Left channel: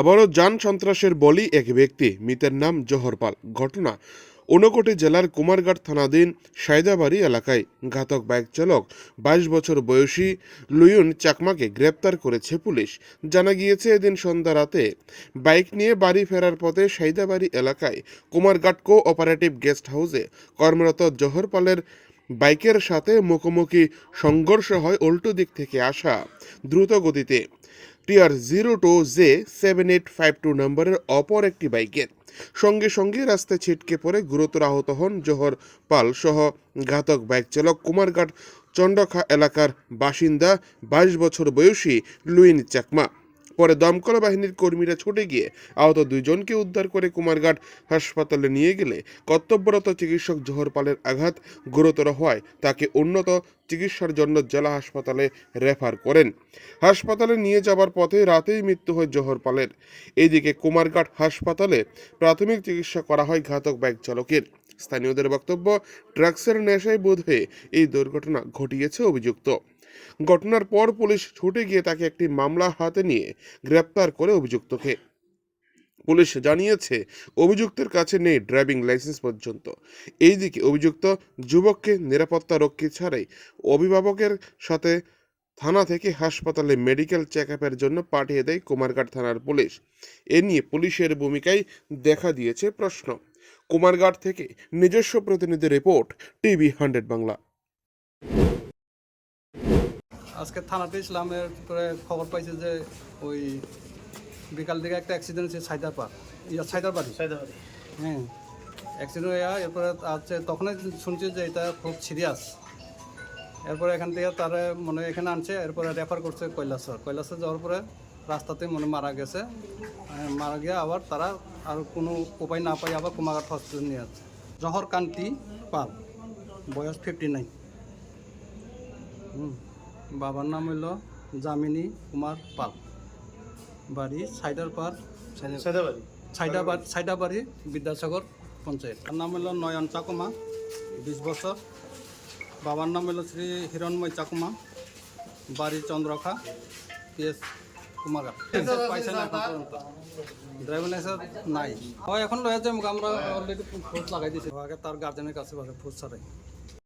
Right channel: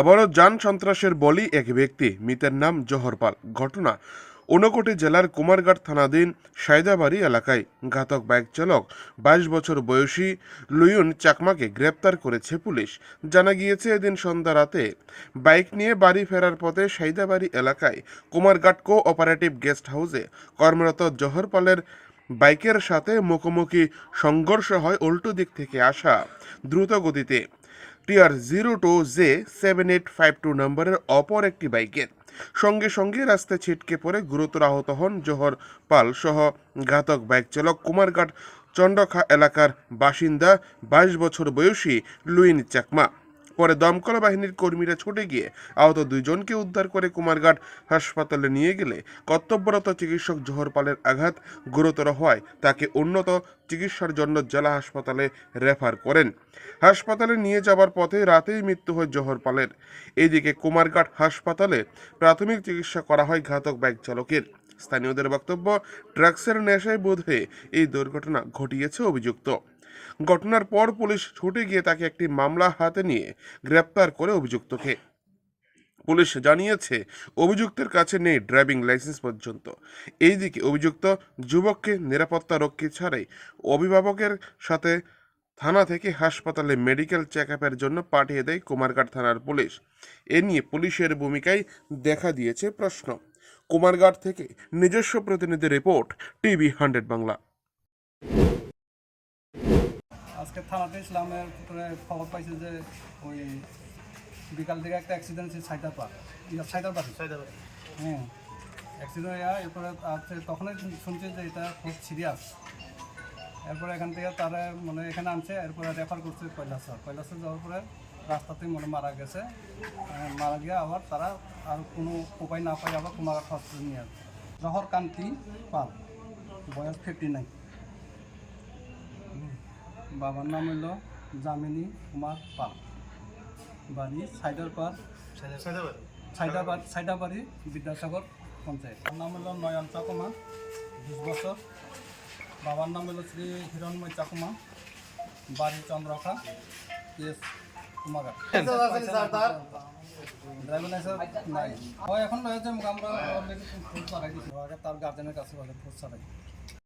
আবারও যান সন্ত্রাসের বলি এক ব্যক্তি। মৃতের নাম জহর পাল। ঘটনা ঊনকোটি জেলার কুমারঘাট থানাধীন সায়দাবাড়ি এলাকায়। ঘাতক বাইক চালক, বাইশ বছর বয়সী লুয়ুন চাকমাকে গ্রেপ্তার করেছে পুলিশ। জানা গিয়েছে, এদিন সন্ধ্যা রাতে বাইক নিয়ে বাড়ি ফেরার পথে সাইদাবাড়ি এলাকায় কুমারঘাট কো অপারেটিভ গেস্ট হাউসে কর্মরত জহর পালের বাইকের সাথে মুখোমুখি সংঘর্ষ হয় উল্টো দিক থেকে আসা দ্রুত গতিতে। TR zero two J seven eight five two নম্বরের অপর একটি বাইকের সঙ্গে সঙ্গে রাস্তায় ছিটকে পড়ে গুরুতর আহত হন জহর পাল সহ ঘাতক বাইক চালক কুমারঘাট চন্ডখা এলাকার বাসিন্দা, বাইশ বছর বয়সী লুইন চাকমা। পরে দমকল বাহিনীর কর্মীরা ছুটে গিয়ে আহত দুইজনকে উদ্ধার করে কুমারঘাট হাসপাতালে নিয়ে গেলে কর্তব্যরত চিকিৎসক জোহর পালের আঘাত গুরুতর হওয়ায় তাকে উন্নত চিকিৎসার জন্য জেলা হাসপাতালে রেফার করেন। হাসপাতালে নিয়ে যাবার পথে রাতেই মৃত্যু হয় জোহর পালের। এদিকে কুমারঘাট হাসপাতালে প্রাথমিক চিকিৎসা করা হয় ঘাতক বাইক চালকের। স্থানীয়দের বক্তব্য, ড্রাগসের নেশায় বোধ হয়ে এই দুর্ঘটনা ঘটিয়েছে অভিযুক্ত। ঘটনার পর পুলিশ ছুটে গিয়ে তাকে একটি মামলা হাতে নিয়ে গ্রেপ্তার করে অভিযুক্তকে। পুলিশ জানিয়েছে, অভিযুক্তের কাছে নেই ড্রাইভিং লাইসেন্স পর্যন্ত। এইদিকে অভিযুক্ত যুবককে নিরাপত্তা রক্ষী ছাড়াই অভিভাবকের সাথে থানা থেকে হাসপাতালে মেডিকেল চেক আপের জন্য পাঠিয়ে দেয় কুমারঘাট থানার পুলিশ। এ নিয়ে পুলিশের ভূমিকায় দেখা দিয়েছে প্রশ্ন। কুমারঘাট থেকে নিজস্ব প্রতিনিধি রিপোর্ট, টিভি হান্ড্রেড বাংলা। আজকে থানাতে ইসলামের এরপরে খবর পাইছি যে ওই বিকাল দিকে একটা অ্যাক্সিডেন্ট হয়েছে সাইদারপাড়। ইয়া সাইদারবাড়ি? হ্যাঁ। অ্যাক্সিডেন্ট হয়ে এরপরে হচ্ছে তখনই শুনছি যে এটা খুব সিরিয়াস এরপরে এখান থেকে তারা মনে এখানে আনছে এরপরে রেফার করছে কৈলাসর কৈলাসে যাওয়ার পরে রাস্তাতে মনে মারা গেছে। মারা গিয়ে আবার তারা আর কোনো উপায় না পাই আবার কুমারঘাট হসপিটাল নিয়ে আসছে জহর কান্তি পাল বয়স ফিফটি নাইন বাবার নাম হইল জামিনী কুমার পাল। বাড়ি সাইদারপাড়। সাইদাবাড়ি। সাইদাবাড়ি বিদ্যাসাগর পঞ্চায়েত। তার নাম হইল নয়ন চাকুমা বিশ বছর। বাবার নাম হইল শ্রী হিরণময় চাকুমা। বাড়ি চন্দ্রখা পিএস কুমারঘাট। পাইছে না ড্রাইভিং লাইসেন্স নাই। হয় এখন রয়েছে আমরা অলরেডি ফোর্স লাগাই দিয়েছি আগে তার গার্জেনের কাছে ফোর্স ছাড়াই।